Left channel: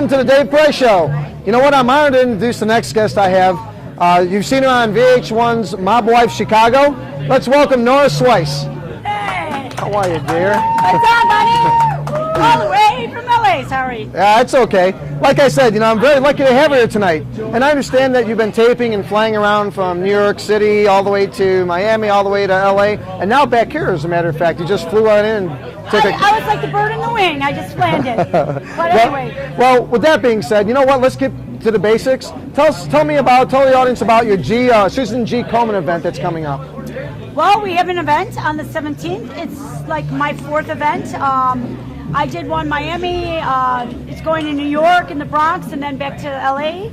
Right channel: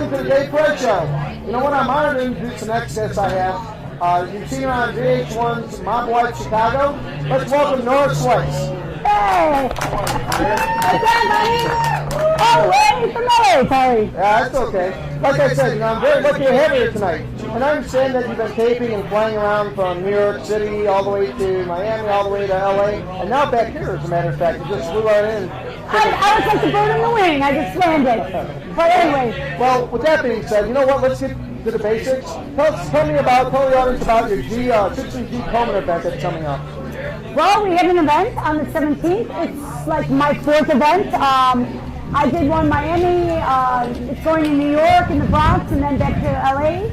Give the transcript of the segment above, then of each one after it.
welcome to the Dave Price Show. You know what? I'm honored to introduce the next guest I have. You've seen her on VH1'S Mob Wife Chicago. Let's welcome Nora Schweihs. Hey! How are you, dear? What's up, buddy? All the way from LA, sorry. Yeah, it's okay. Like I said, you know, I'm very lucky to have you here tonight. And I understand that you've been taping and flying around from New York City all the way to Miami, all the way to LA, and now back here, as a matter of fact. You just flew on in. I was like the bird in the wing. I just landed. But anyway. Well, with that being said, you know what? Let's get to the basics. Tell the audience about your Susan G. Komen event that's coming up. Well, we have an event on the 17th. It's like my fourth event. I did one Miami. It's going to New York and the Bronx, and then back to LA.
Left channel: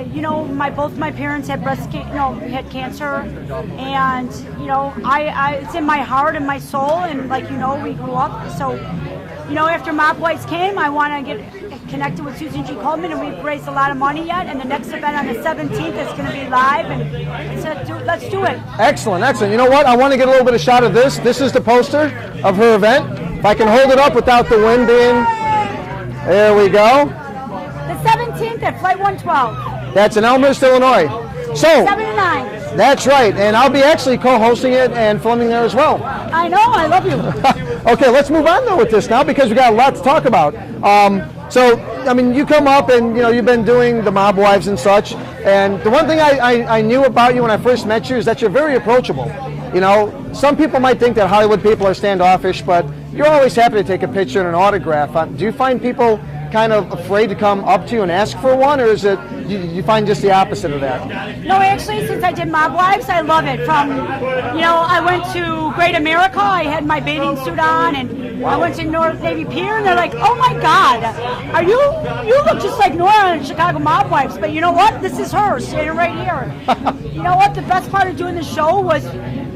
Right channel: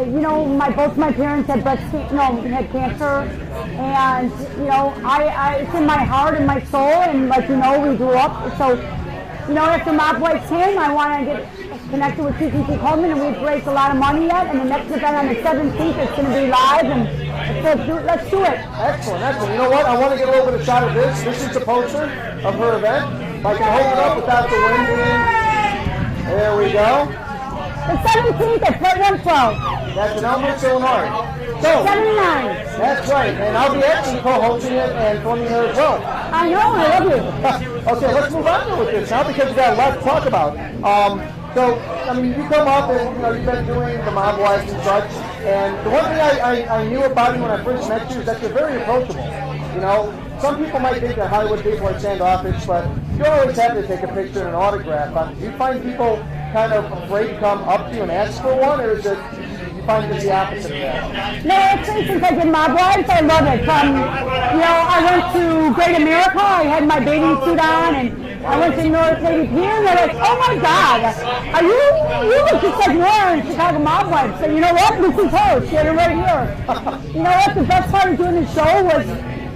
You know, both my parents had had cancer, and you know, it's in my heart and my soul, and like you know, we grew up. So, you know, after Mob Wives came, I want to get connected with Susan G. Komen, and we've raised a lot of money yet. And the next event on the 17th is going to be live, and so let's do it. Excellent, excellent. You know what? I want to get a little bit of shot of this. This is the poster of her event. If I can hold it up without the wind being, there we go. The 17th at Flight 112. That's in Elmhurst, Illinois. So, 79. That's right, and I'll be actually co-hosting it and filming it as well. I know, I love you. Okay, let's move on though with this now because we got a lot to talk about. So, I mean, you come up and, you know, you've been doing the Mob Wives and such, and the one thing I knew about you when I first met you is that you're very approachable. You know, some people might think that Hollywood people are standoffish, but you're always happy to take a picture and an autograph. Do you find people kind of afraid to come up to you and ask for one, or is it you find just the opposite of that? No, actually, since I did Mob Wives, I love it. You know, I went to Great America, I had my bathing suit on, and I went to North Navy Pier, and they're like, oh my God, you look just like Nora on Chicago Mob Wives, but you know what? This is her, standing right here. You know what? The best part of doing the show was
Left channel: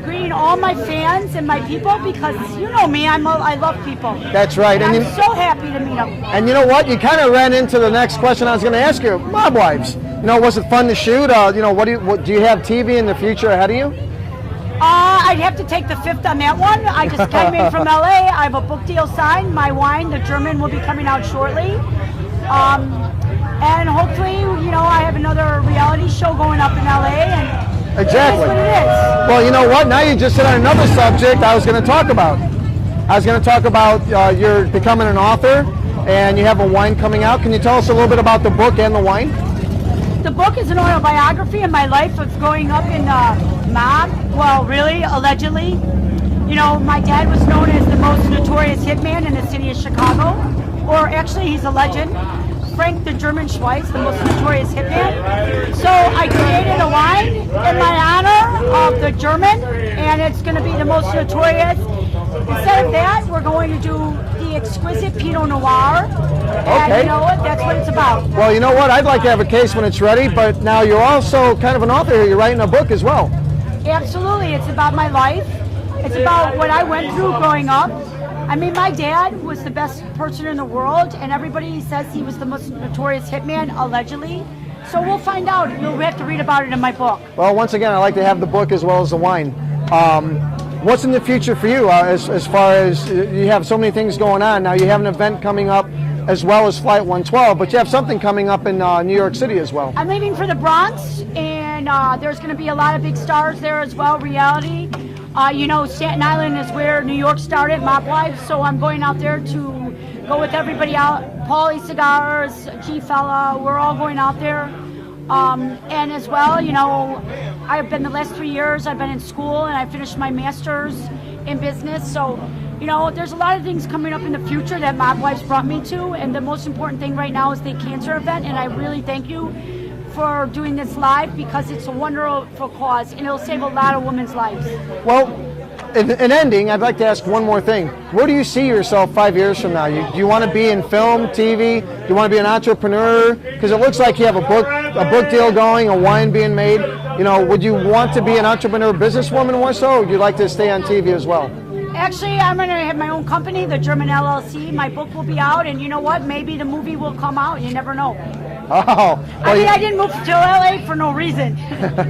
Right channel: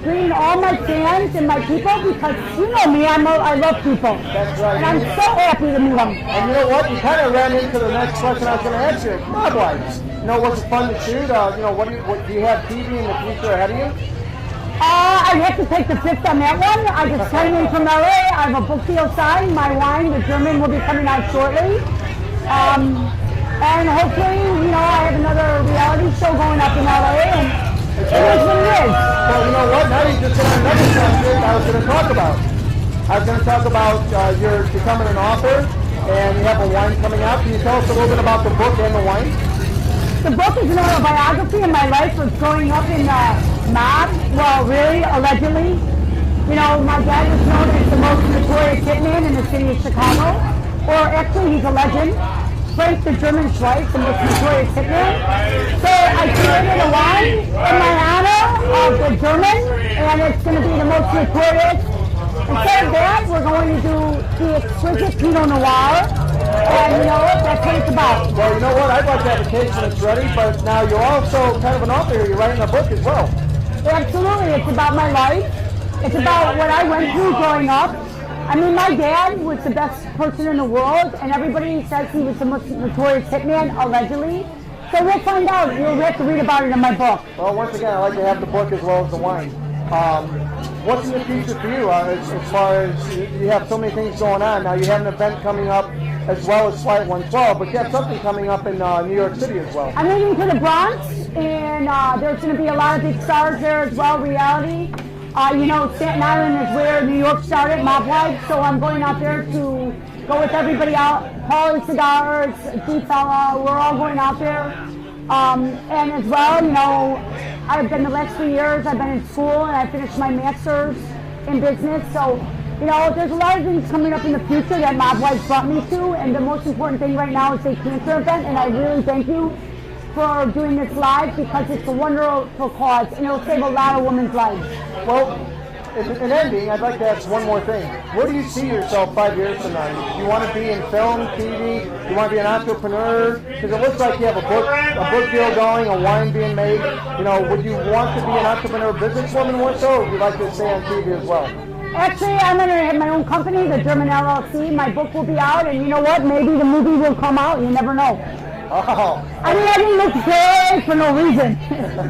greeting all my fans and my people, because you know me, I love people. That's right. And I'm so happy to meet them. And you know what? You kind of ran into the next question I was going to ask you. Mob Wives. You know, was it fun to shoot? You know, what do you have TV in the future ahead of you? I'd have to take the fifth on that one. I just came in from LA. I have a book deal signed. My wine, the German, will be coming out shortly. And hopefully, you know, I have another reality show going up in LA. And exactly. Well, you know what? Now you just hit on another subject I was going to talk about. I was going to talk about you're becoming an author, and you have a wine coming out. Can you tell us a little bit about the book and the wine? The book is an autobiography of my life of growing up in mob. Well, really, allegedly. You know, my dad was known as the most notorious hitman in the city of Chicago. Or actually, he's a legend. Frank the German Schweihs, the most notorious hitman. So I created a wine in my honor of the German, and it's going to be the most notorious. Instead of that, we're going to do the exquisite Pinot Noir. And you know, that's what it's about. Well, you know what? I'd like to have a case when it's ready, but now you're also kind of an author. You're writing a book as well. Absolutely. It's about my life. It's about what I went through growing up. I mean, my dad was the best person in the world, and everybody says he was the most notorious hitman, allegedly. So we'll find out. We'll have to read about it in my book. Well, once again, I like to have the book as well as the wine. What's in the future for you as far as you have so many things going on? Now you have an event coming up as well as Flight 112, but you have something coming up in New York City as well. I'm leaving for the Bronx, and there's going to be a lot of big stars there as well, reality. You know, Staten Island is where New York started, Mob Wives, so I'm going out there to go with everybody out. Paulie Cigars, G-Fella, we're all going out there. And as well, you know, I've been the last 3 years, I've been in school, and I finished my master's in business, so you know, there's a lot of things coming up in the future that Mob Wives brought me to, and the most important thing right now is the cancer event, and I really thank you for doing this live because it's a wonderful cause, and it'll save a lot of women's lives. Well, in ending, I'd like to ask one more thing. Where do you see yourself 5 years from now? Do you want to be in film, TV? Do you want to be an entrepreneur? Because it looks like you have a book deal going, a wine being made. You know, would you want to be an entrepreneur, businesswoman more so, or would you like to stay on TV as well? Actually, I'm going to have my own company, the German LLC. My book will be out, and you know what? Maybe the movie will come out. You never know. Oh. Well, I mean, I didn't move to LA for no reason.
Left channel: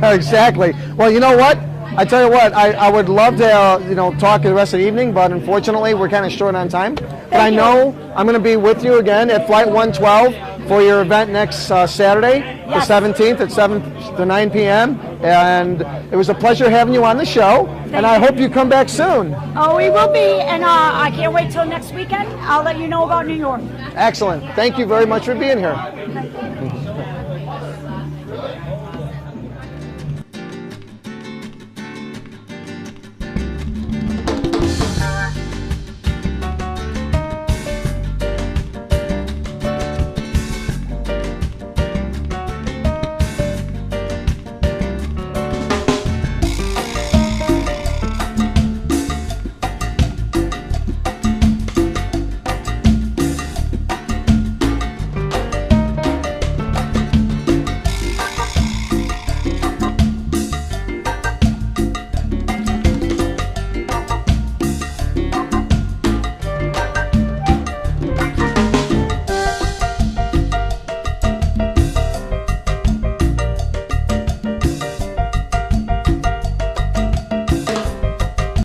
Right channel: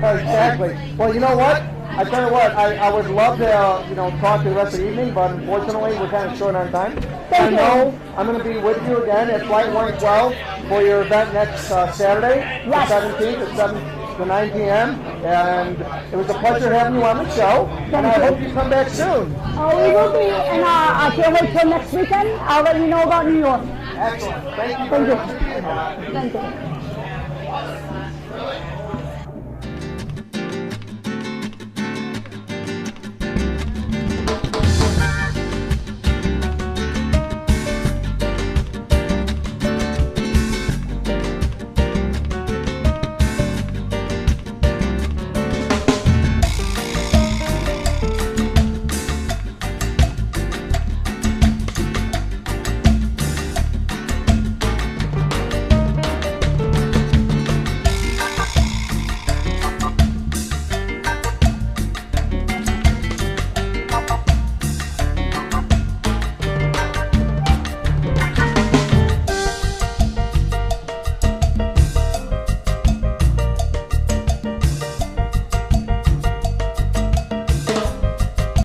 Exactly. Well, you know what? I tell you what, I would love to talk the rest of the evening, but unfortunately we're kind of short on time. But I know I'm going to be with you again at Flight 112 for your event next Saturday, the 17th at 7 to 9 p.m. And it was a pleasure having you on the show. And I hope you come back soon. Oh, we will be, and I can't wait till next weekend. I'll let you know about New York. Excellent. Thank you very much for being here. Thank you.